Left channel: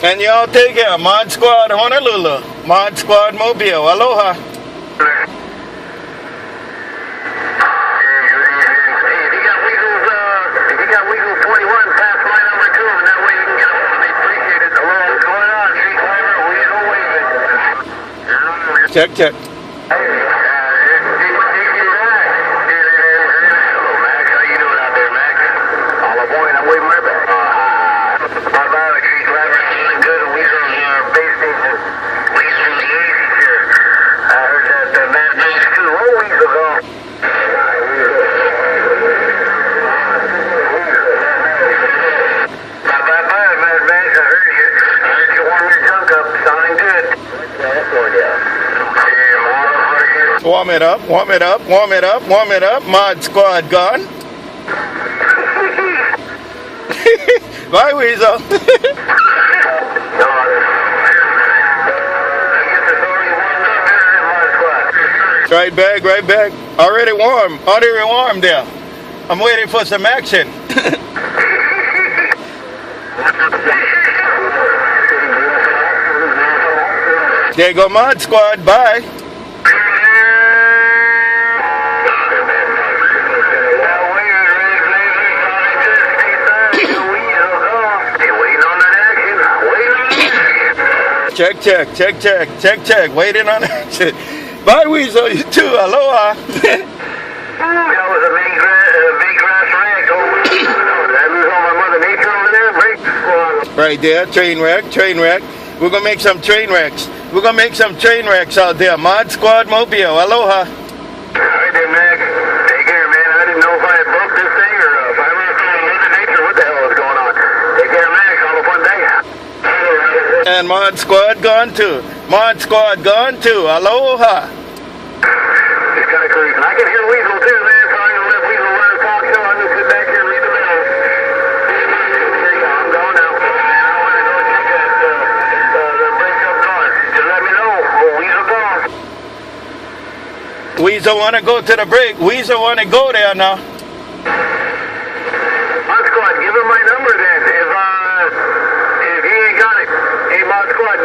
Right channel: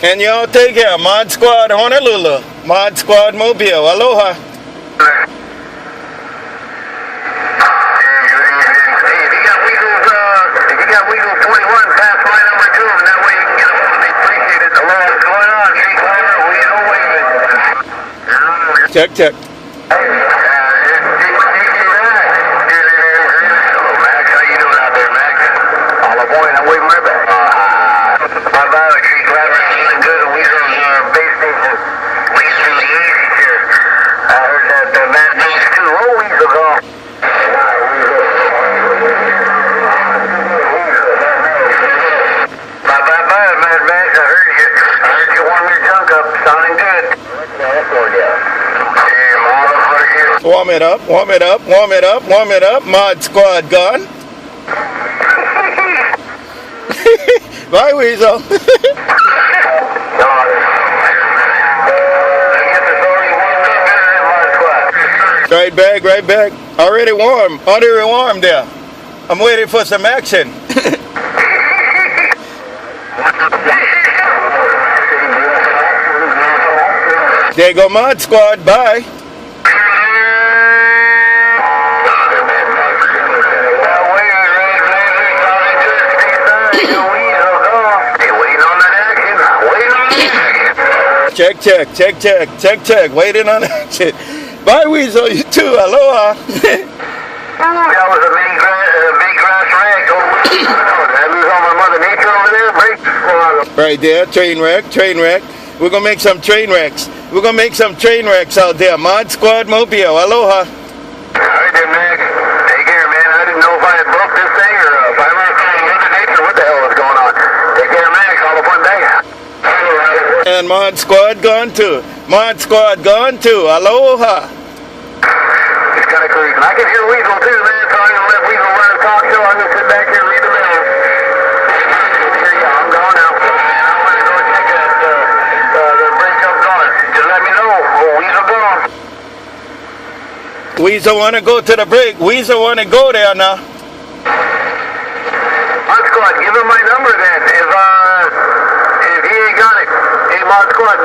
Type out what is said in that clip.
And y'all take care. Mod Squad Honolulu. Mod Squad Mobile. Aloha. Hey, if you got Weasel 21, pass my number to him. That way you can get them. They appreciate it. Hello, what's going on? She's Weasel Waving. Check, check. Hello, Max. How you doing out there, Max? All aboard. I'm waving right back. My bad. She's driving good. Weasel's base station. Weasel the easy here. I heard that Mad Max too. Oh, Weasel's off. Mad Max. I heard you warm your junk up. Sounding good. Warm it up, warm it up, warm it up, warm it up. Mod Squad gone. Bye, Weasel. Right back, right back. Already warm there. I'm waiting for some action. There you go, Mod Squad. Bye. Check, check, check, check, check, check. Waiting on action. Bye, Weasel. You too. Aloha. That was a big grass wreck. Did I lose all my Mother Nature over there? Right there, train wreck, train wreck. We're gonna make some train wrecks. We're gonna make some train wrecks out there. Mod Squad Mobile. Aloha. Alright then, Max. Take care, man. I didn't know if I had broke this thing or if I was seeing Mother Nature. What the hell was going on? Take care, Max. All aboard back. And Mod Squad gone too. Mod Squad gone too. Aloha. Just kind of cruising. I can hear Weasel too, man. So I'm gonna let Weasel run a talk show. I'm gonna sit back here and read the mail. I'm gone now. I want to go check that the bridge up north. Just let me know. Oh, Weasel gone. Weasel wanna go to the break. Weasel wanna go there now. Mod Squad, give him my number then. If he ain't got it. Hey, Mod Squad.